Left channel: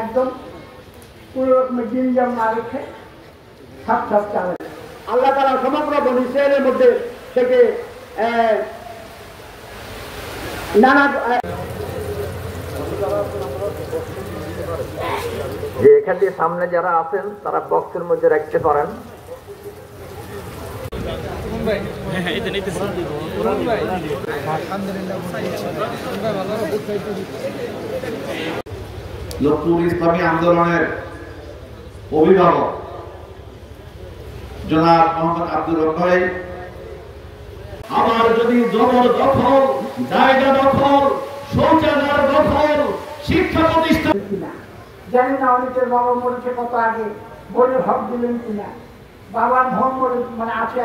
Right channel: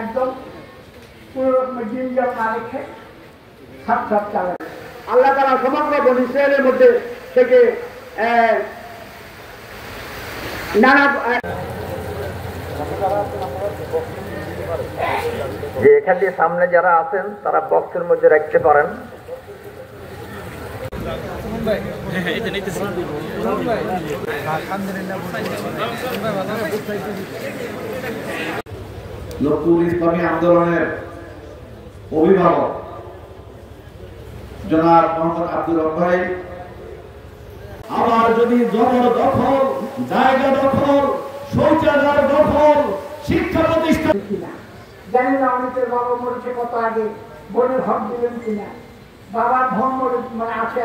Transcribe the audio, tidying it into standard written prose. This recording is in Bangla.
একদম কোনো রকমের জিনজাম না রেখে সব চালায়। আল্লাহ তাআলা সমগ্র বনী ইসরায়েলের মধ্যে থেকে নানা যে এখান দিয়ে সামনে যারা আছেন তারা বক্সের মধ্যে রাখতে পারেন। লক্ষ্মীপুর ইসলামী আন্দোলনের অভিভাবক জনাব মোহাম্মদ আব্দুল হক ভাই, আবার যদি জবরদখল, জায়গা দখল, শৌচাগার দখল, শিক্ষা প্রতিষ্ঠান জানি না অনেকের বাবা মরেছে কত আগে, বোনের হক দিলেন কিনা, বাবার ধন মানে আছে